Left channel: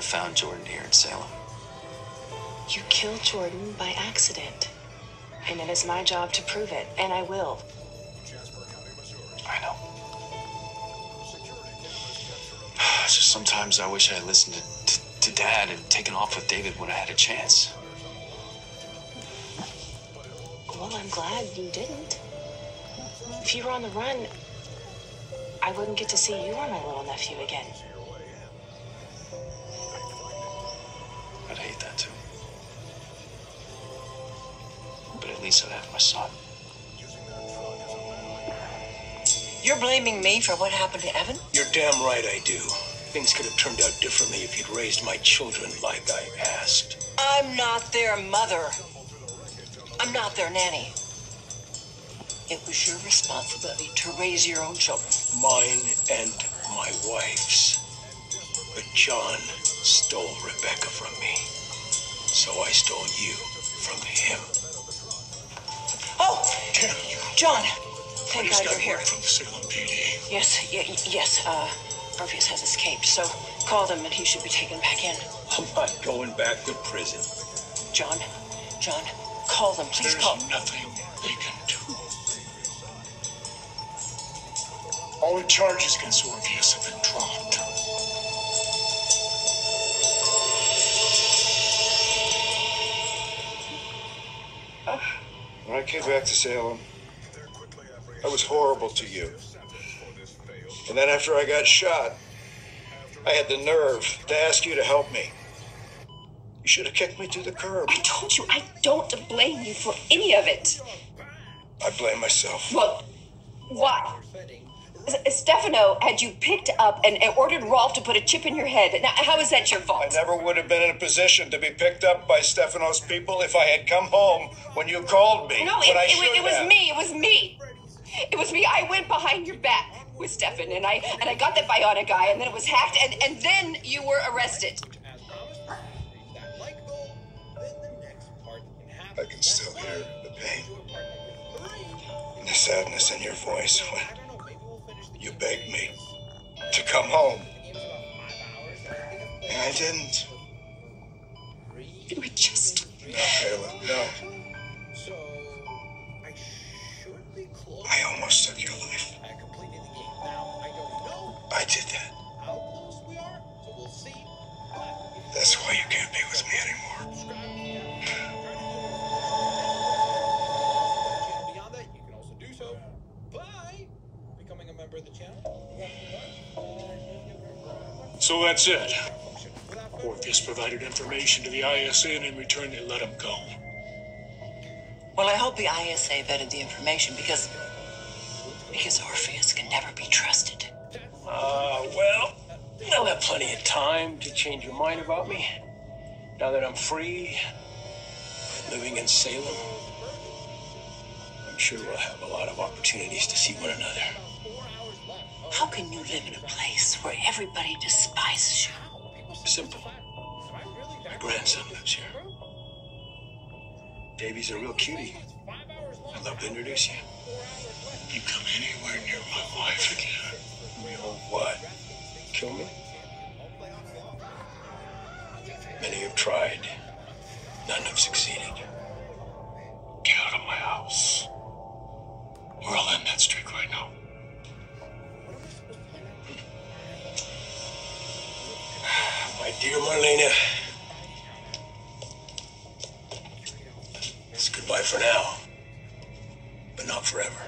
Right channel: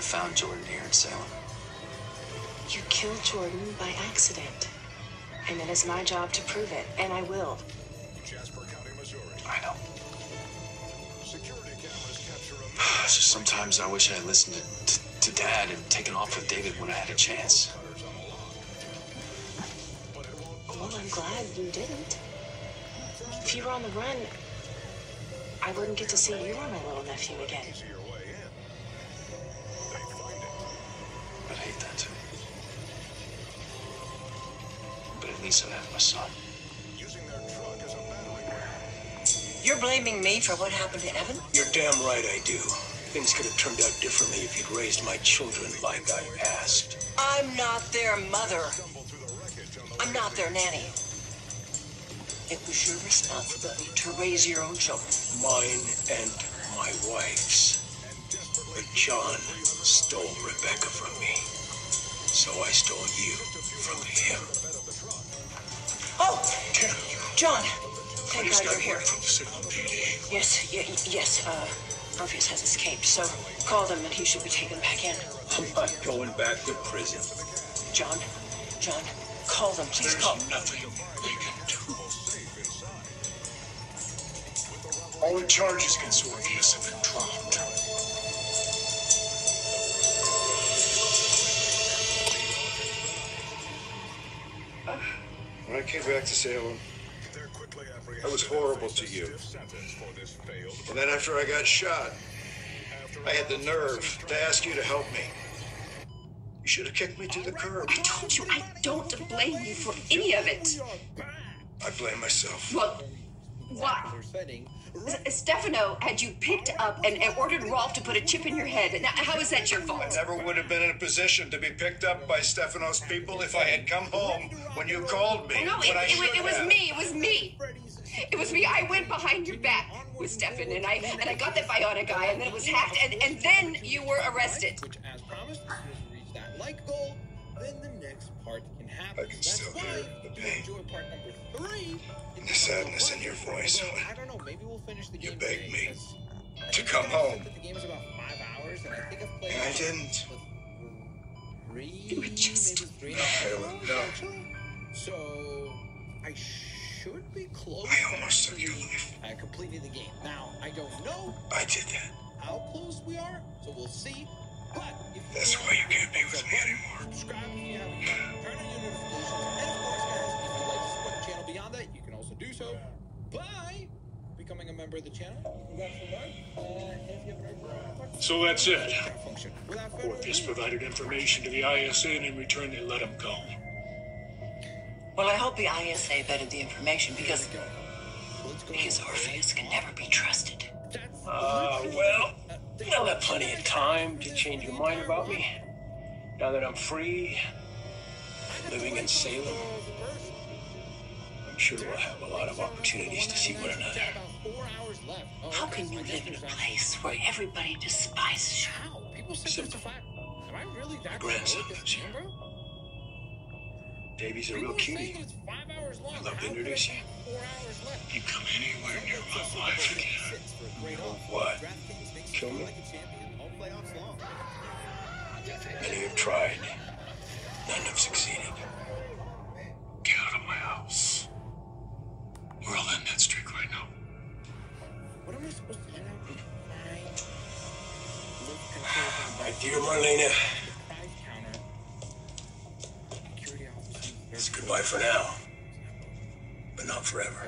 I found Jordan here in Salem. You killed Jordan by accident. And it is my job to prove it, and I will. I know. It's just sometimes I wish I had listened to Dad and taken off with David when I had a chance. Well, I'm glad you didn't. If you were on the run, I wouldn't get to see you or my little nephew again. I'd hate that too. But at least I'd have my son. You're blaming me for what happened to Evan? You're damn right I do. Things could have turned out differently if you'd raised my children like I asked. I'm not their mother. I'm not their nanny. It was your responsibility to raise your own children. Mine and my wife's. But John stole Rebecca from me. So I stole you from him. Oh! John! Thank God you're here. From the Salem PD. Yes, Orpheus has escaped, so call them and he should be taken back in. I'm not going back to prison. John, call them, please call. There's nothing they can do. All the charges against Orpheus have been dropped. When I came back to Salem, I was horrible to you. And then after I got shot, I had the nerve to ask you to help me. You should have kicked me to the curb. I told you, I don't blame you for any of it. I blame myself. Well, why? Stefano had you picked up and ordered Rolf to put a chip in your head. Now, how is that your fault? I never would have been in a position to be picked up by Stefano's people if I had come home when you called me. No, it was me. It was me. It was me. I went behind your back with Stefan, and I got that bionic guy, and then it was hacked, and then you were arrested. I can still hear the pain and the sadness in your voice when you begged me to come home. And I didn't. You were just... No, Kayla, no. I almost took your life. I did that. That's why you can't be with me anymore. So that's it. Orpheus provided information to the ISA, and in return they let him go. Well, I hope the ISA vetted the information because Orpheus can never be trusted. Well, you'll have plenty of time to change your mind about me. Now that I'm free, living in Salem, I'm sure we'll have a lot of opportunities to see one another. How can you live in a place where everybody despises you? Simple. My grandson lives here. Davy's a real cutie. I'd love to introduce you. You come anywhere near my wife again. You'll what? Kill me? Many have tried. None have succeeded. Get out of my house. Or I'll end that streak right now. My dear Marlena, it's goodbye for now, but not forever.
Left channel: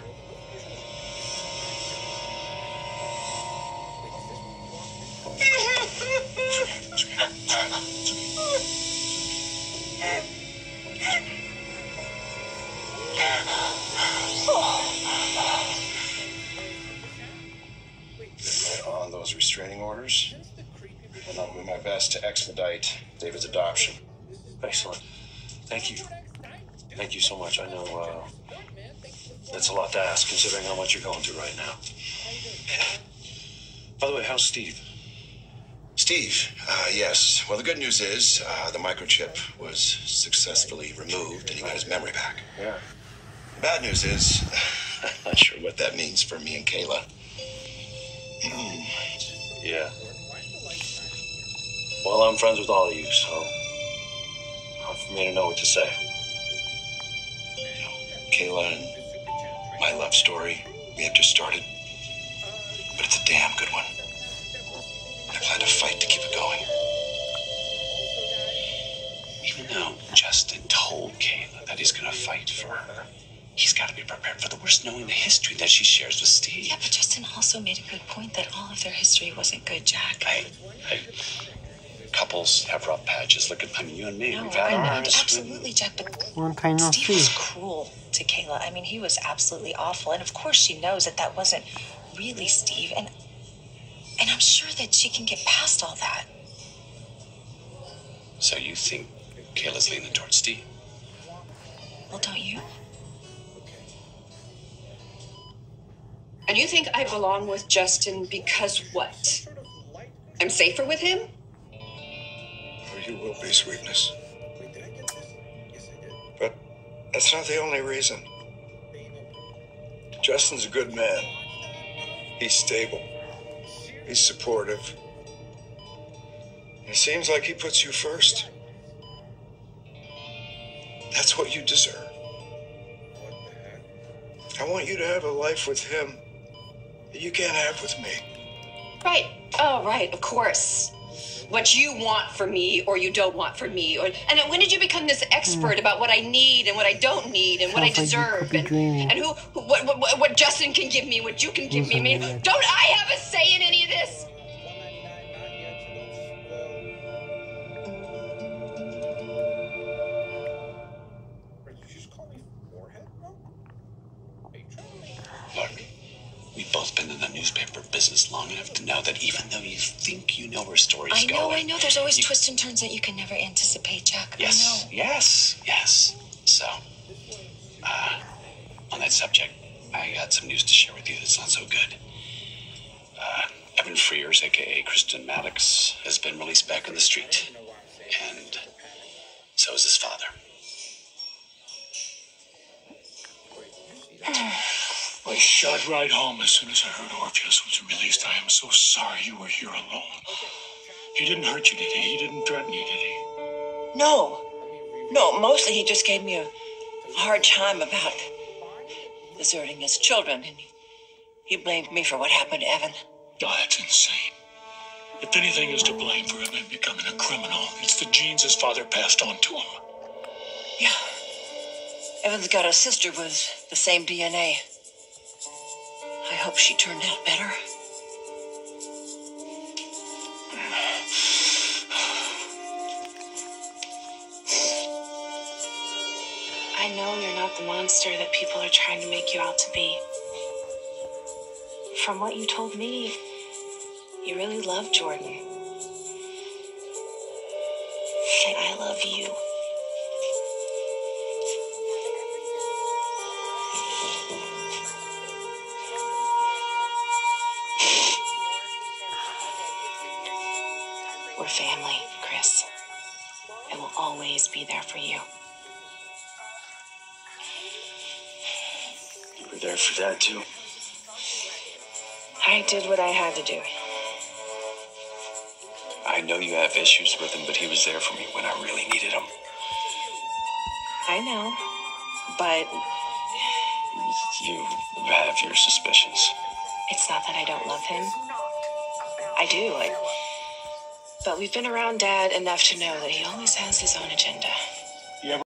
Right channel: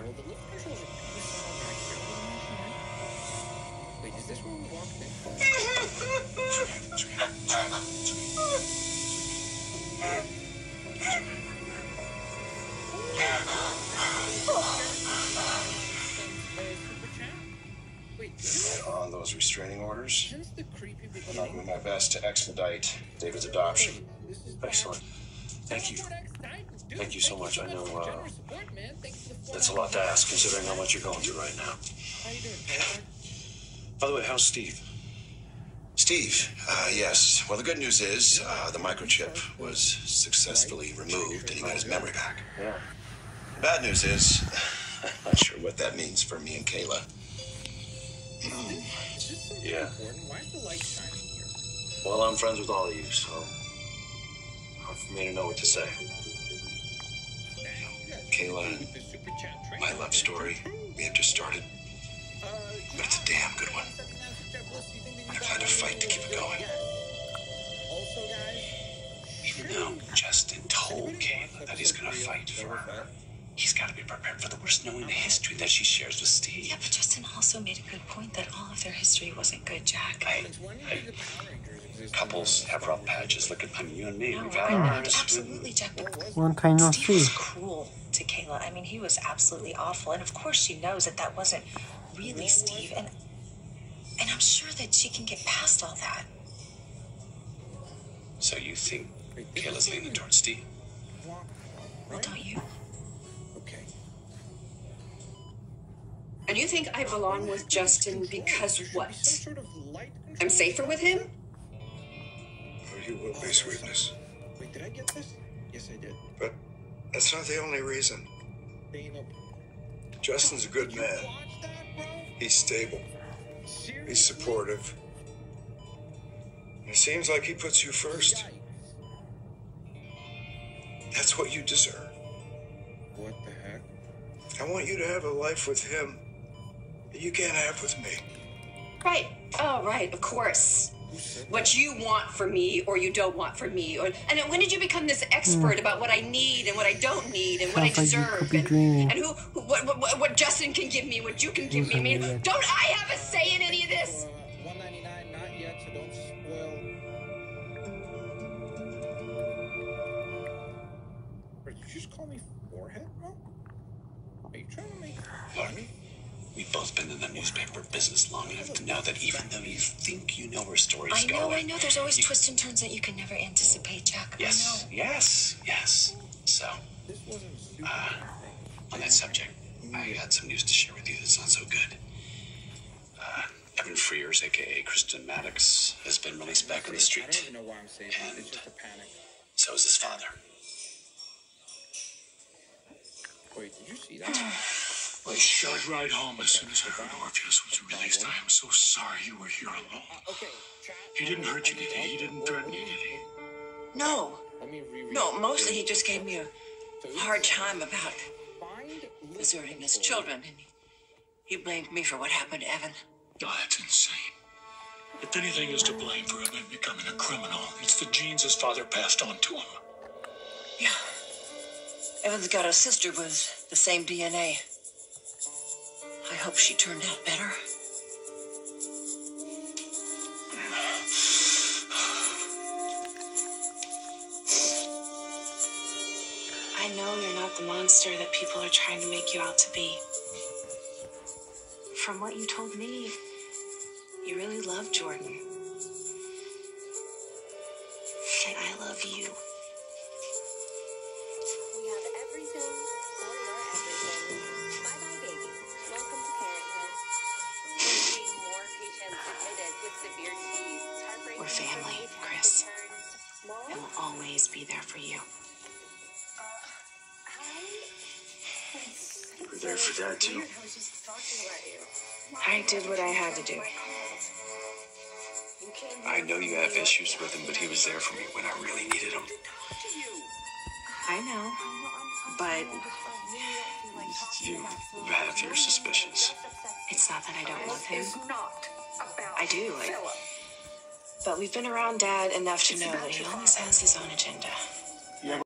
On those restraining orders, and I'll do my best to expedite David's adoption. Excellent. Thank you. Thank you so much. I know that's a lot to ask considering how much you're going through right now. By the way, how's Steve? Steve, yes. Well, the good news is the microchip was successfully removed and he got his memory back. Yeah. The bad news is, I'm not sure what that means for me and Kayla. Yeah. Well, I'm friends with all of you, so hard for me to know what to say. Kayla and my love story, we have just started. But it's a damn good one. I plan to fight to keep it going. Even though Justin told Kayla that he's going to fight for her, he's got to be prepared for the worst, knowing the history that she shares with Steve. Yeah, but Justin also made a good point that all of their history wasn't good, Jack. Couples have rough patches. Look at, I mean, you and me. No, We've had ours. absolutely, Jack, but One kind of Steve was see. cruel to Kayla. I mean, he was absolutely awful. And of course she knows that that wasn't really Steve. And I'm sure that she can get past all that. So you think Kayla's leaning towards Steve? Well, don't you? And you think I belong with Justin because what? I'm safer with him? Oh, you will be, sweetness. But that's not the only reason. Justin's a good man. He's stable. He's supportive. It seems like he puts you first. That's what you deserve. I want you to have a life with him that you can't have with me. Right. Oh, right. Of course. What you want for me or you don't want for me. And when did you become this expert about what I need and what I don't need and what I Sounds like you deserve? could be dreaming. And what Justin can give me, what you can give me. I mean, don't I have a say in any of this? Look, we've both been in the newspaper business long enough to know that even though you think you know where stories going... I know. There's always twists and turns that you can never anticipate, Jack. Yes, I know. yes. So, on that subject, I got some news to share with you that's not so good. Evan Frears, a.k.a. Kristen Maddox, has been released back on the street. And so is his father. I shot right home as soon as I heard Orpheus was released. I am so sorry you were here alone. He didn't hurt you, did he? He didn't threaten you, did he? No, mostly he just gave me a hard time about deserting his children, and he blamed me for what happened to Evan. Oh, that's insane. If anything is to blame for him becoming a criminal, it's the genes his father passed on to him. Yeah. Evan's got a sister with the same DNA. I hope she turned out better. I know you're not the monster that people are trying to make you out to be. From what you told me, you really love Jordan. And I love you. We're family, Chris. I will always be there for you. You were there for Dad, too. I did what I had to do. I know you have issues with him, but he was there for me when I really needed him. I know, but You have your suspicions. it's not that I don't love him. I do. But we've been around Dad enough to know that he always has his own agenda.